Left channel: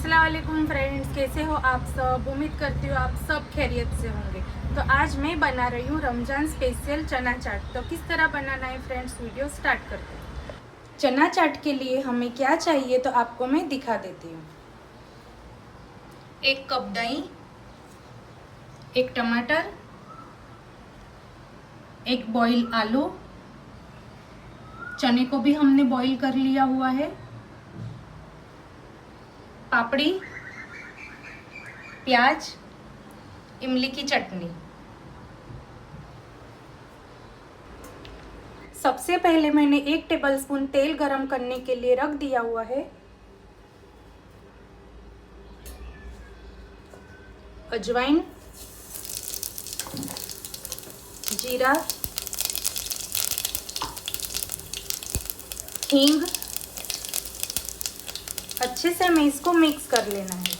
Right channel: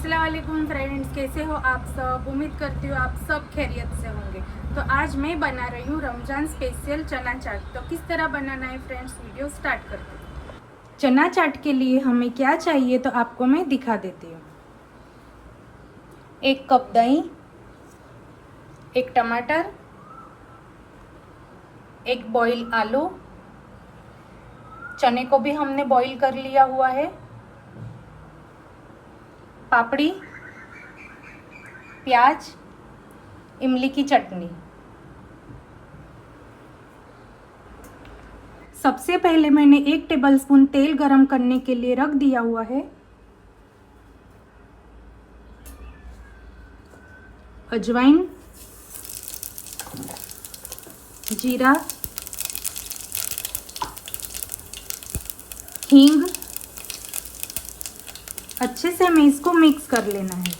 अस्सलाम वालेकुम फ्रेंड्स, कैसे हो आप सब। उम्मीद करती हूँ आप सब खैरियत से होंगे। तो आज मैं बना रही हूँ रमजान स्पेशल चना चाट। तो किस तरह बनाना है फ्रेंड्स, वीडियो स्टार्ट करते हैं। चना चाट के लिए हमें क्या चाहिए तो आपको मैं दिखा देती हूँ। 1 कप दही, 1 टमाटर, 1 बॉईल आलू, चने को भी हमने बॉईल कर लिया हुआ है, पापड़ी, प्याज, इमली की चटनी। सबसे पहले मैंने 1 टेबलस्पून तेल गरम करने के लिए रख दिया हुआ है। अजवाइन, जीरा, हींग, अच्छे से हमें इसको मिक्स कर लेना है।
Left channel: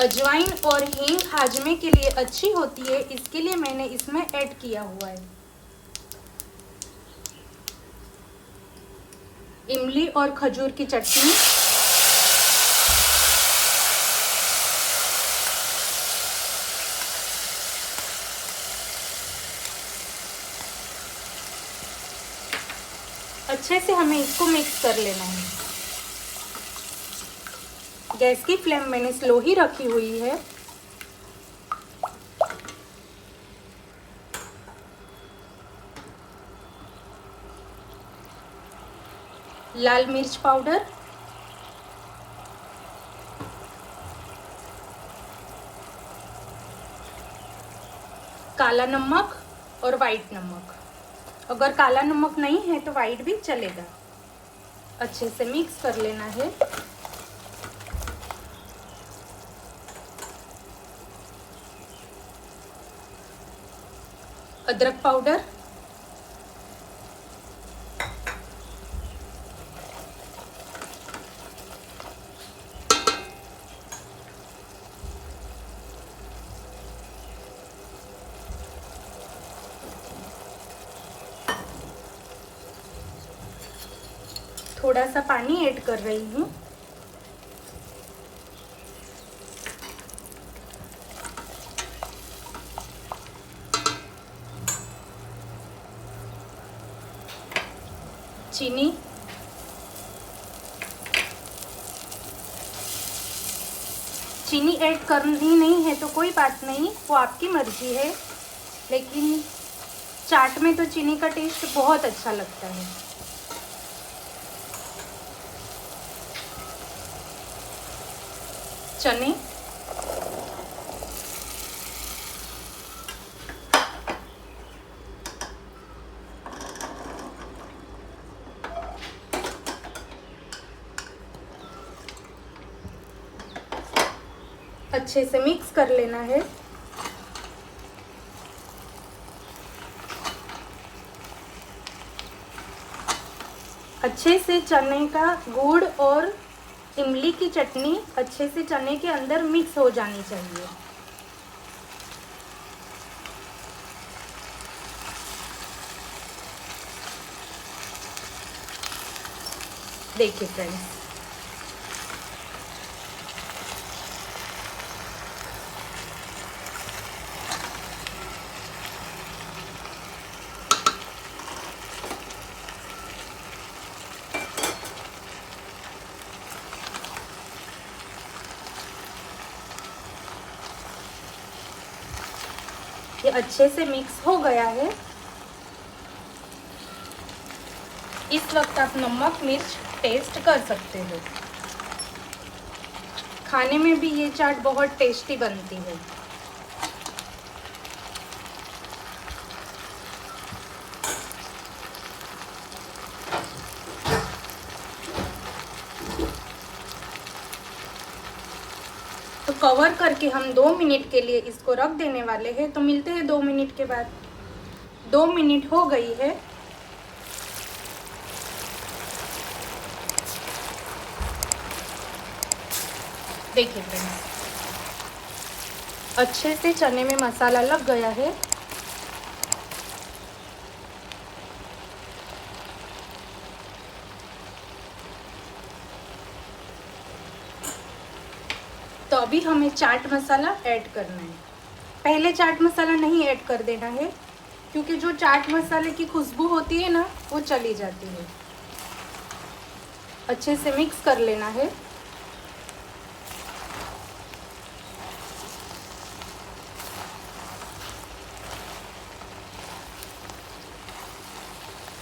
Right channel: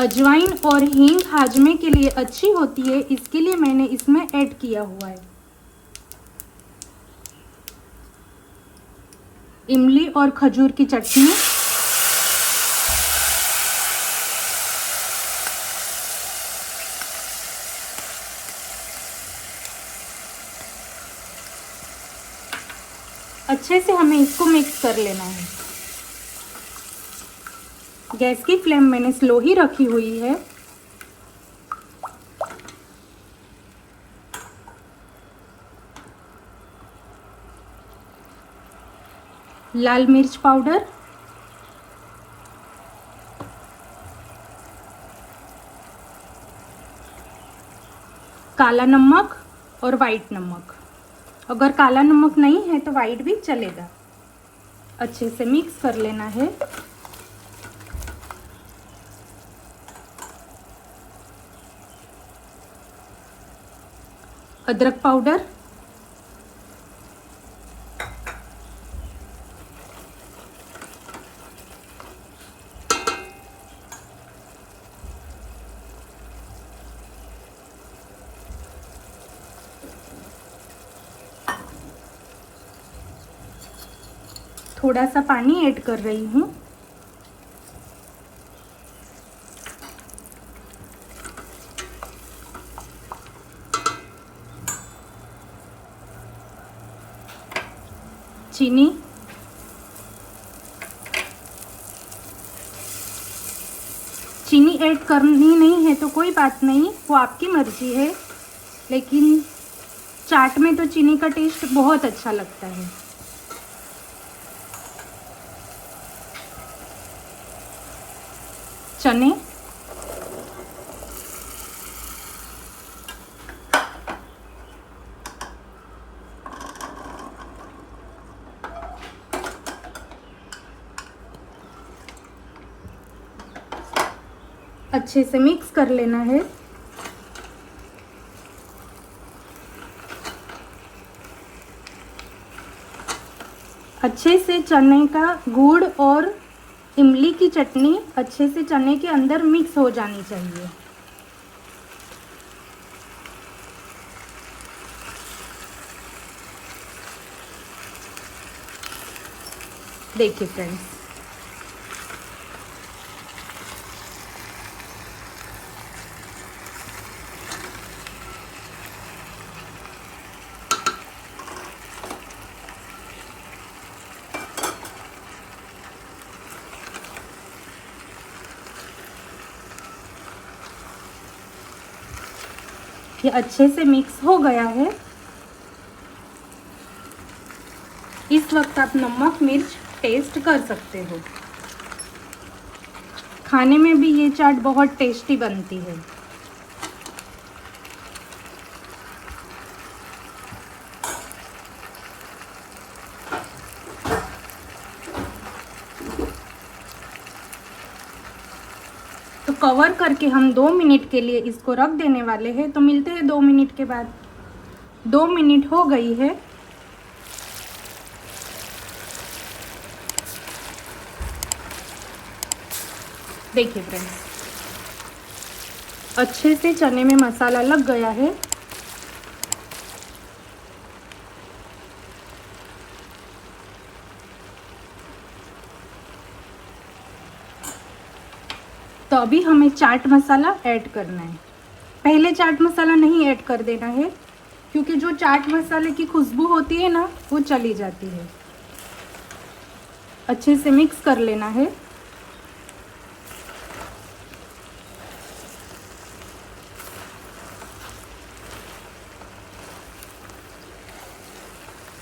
अजवाइन और हींग हाजमे के लिए अच्छी होती है, इसके लिए मैंने इसमें ऐड किया हुआ है। इमली और खजूर की चटनी, अच्छे से हमें इसको मिक्स कर लेना है। गैस की फ्लेम मैंने स्लो ही रखी हुई है। लाल मिर्च पाउडर, काला नमक और वाइट नमक। अगर काला नमक नहीं है तो वाइट भी चलेगा। अच्छे से मिक्स कर लेना है। अदरक पाउडर, थोड़ा सा पानी ऐड कर रही हूँ। चीनी, चीनी ऐड करनी नहीं है तो कोई बात नहीं, वो आपकी मर्जी है, लेकिन चाट में तो चीनी का टेस्ट बहुत अच्छा लगता है। चने, अच्छे से मिक्स कर लेना है। अच्छे से चने का गुड़ और इमली की चटनी अच्छे से चने के अंदर मिक्स हो जानी चाहिए। देखिए फ्रेंड्स, ये अच्छे से मिक्स हो गया है। इस वक्त आप नमक मिर्च टेस्ट कर सकते हो। खाने में भी ये चाट बहुत टेस्टी बनती है। तो कवर करके हम 2 मिनट के लिए इसको रख देने वाले हैं। तो मिलते हैं 2 मिनट के बाद। 2 मिनट हो गई है। देखिए फ्रेंड्स, अच्छे से चने में मसाला लग गया है। तो अभी हमें चाट मसाला ऐड करना है। पहले चाट मसाला नहीं ऐड कर देना है, क्योंकि जो चाट मसाले की खुशबू होती है ना, वो चली जाती है। अच्छे से मिक्स कर लेना है।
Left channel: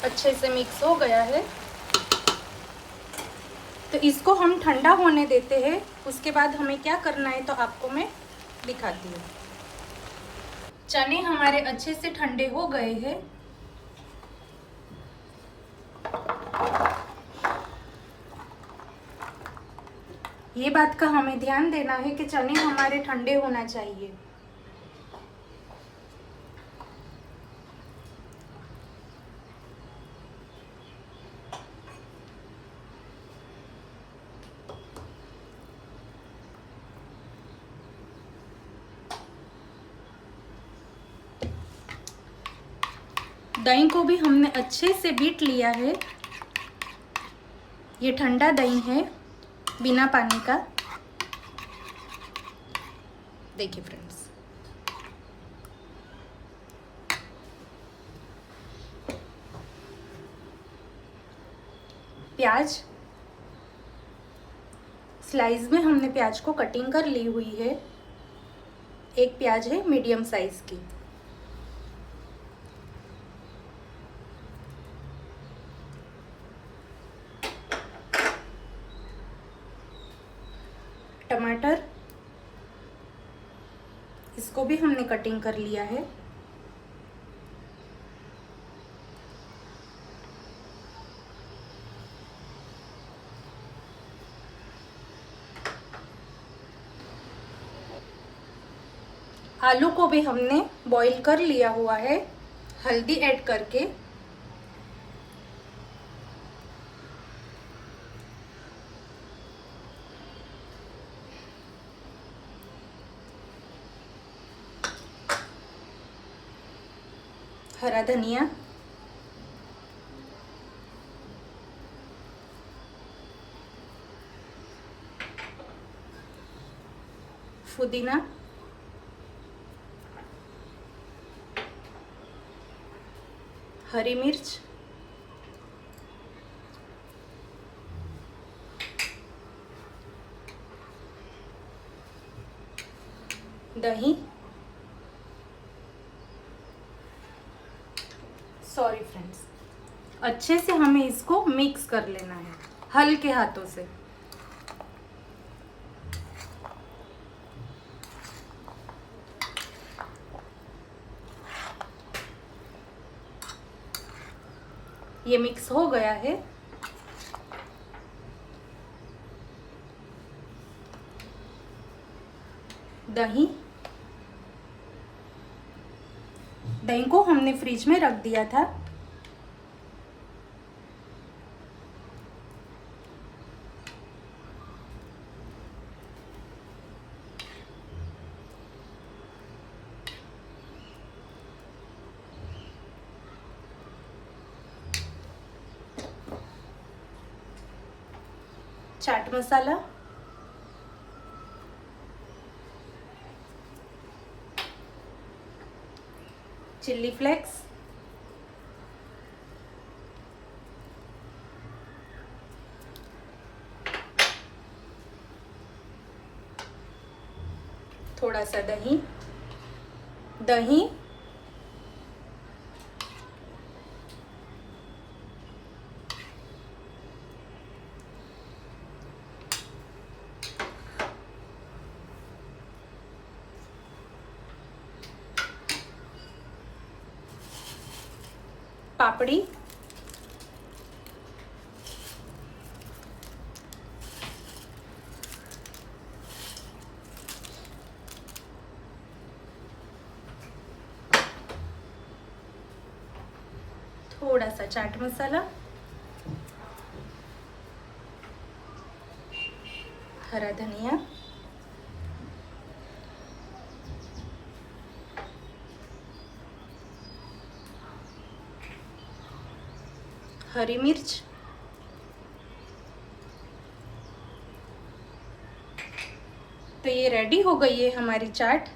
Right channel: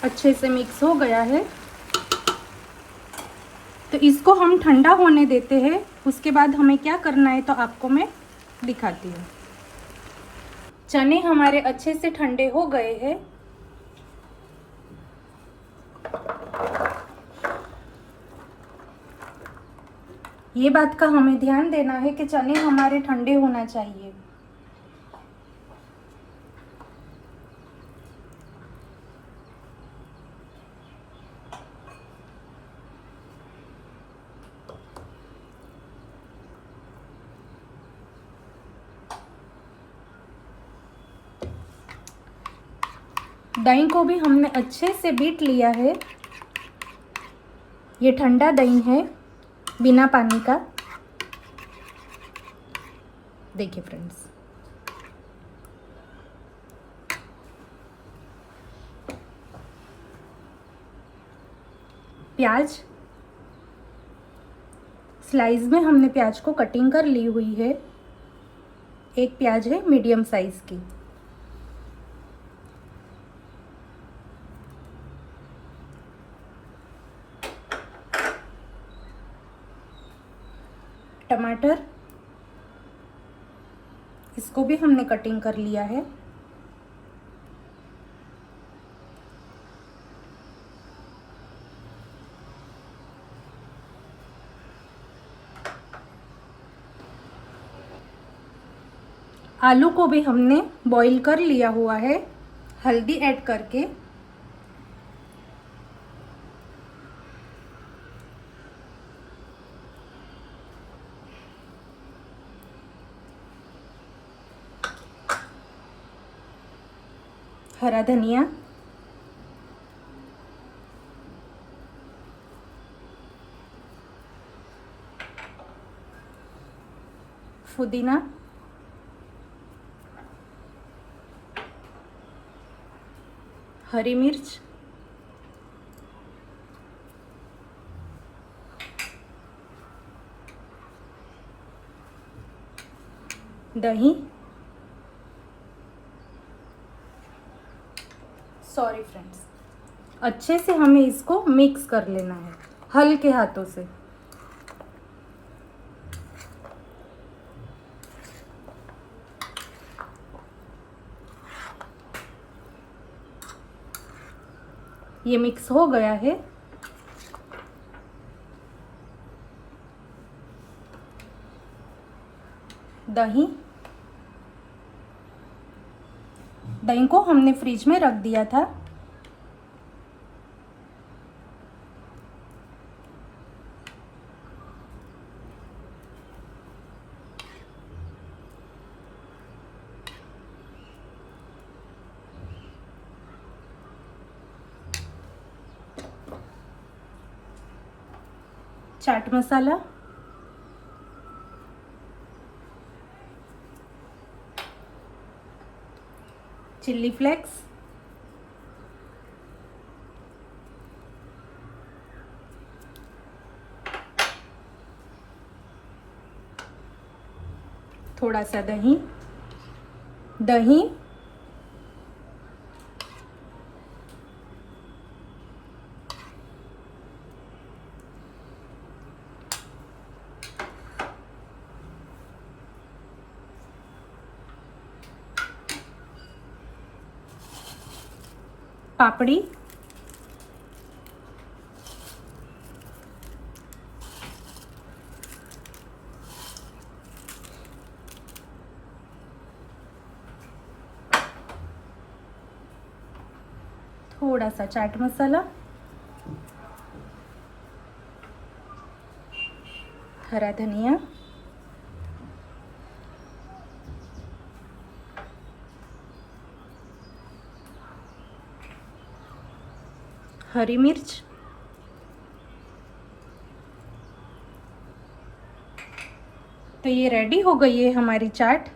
अच्छे से मिक्स हो गया है, तो इसको हम ठंडा होने देते हैं। उसके बाद हमें क्या करना है तो आपको मैं दिखाती हूँ। चने हमारे अच्छे से ठंडे हो गए हैं। ये बात का हमें ध्यान देना है कि चने हमारे ठंडे होना चाहिए। दही को भी हमने अच्छे से बीट लिया है। ये ठंडा दही है, बिना पानी का। देखिए फ्रेंड्स, प्याज स्लाइस में हमने प्याज को कटिंग कर ली हुई है। एक प्याज है मीडियम साइज की। टमाटर, इसको भी हमने कटिंग कर लिया है। आलू को भी हमने बॉईल कर लिया हुआ है, हल्दी ऐड करके। हरा धनिया, पुदीना, हरी मिर्च, दही, सॉरी फ्रेंड्स, अच्छे से हमें इसको मिक्स कर लेना है हल्के हाथों से। ये मिक्स हो गया है। दही को हमने फ्रिज में रख दिया था। चाट मसाला, चिल्ली फ्लेक्स, थोड़ा सा दही, पापड़ी, थोड़ा सा चाट मसाला, हरा धनिया, हरी मिर्च, तो ये रेडी हो गई है हमारी चाट।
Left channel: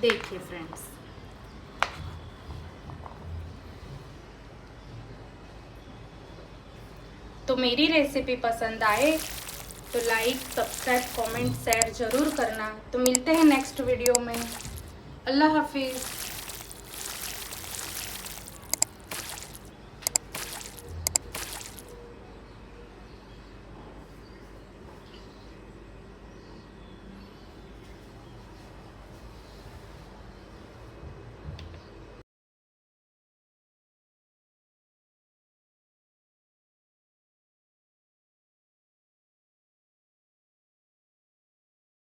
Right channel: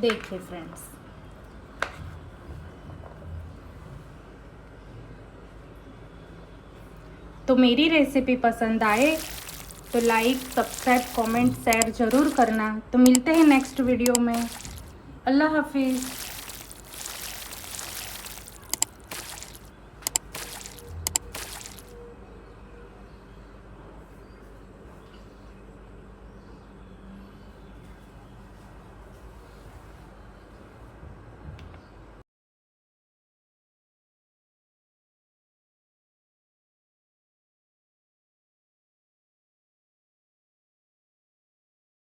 देखिए फ्रेंड्स, तो मेरी रेसिपी पसंद आए तो लाइक, सब्सक्राइब, कमेंट, शेयर जरूर करना। तो मिलते हैं नेक्स्ट वीडियो में। अल्लाह हाफिज़।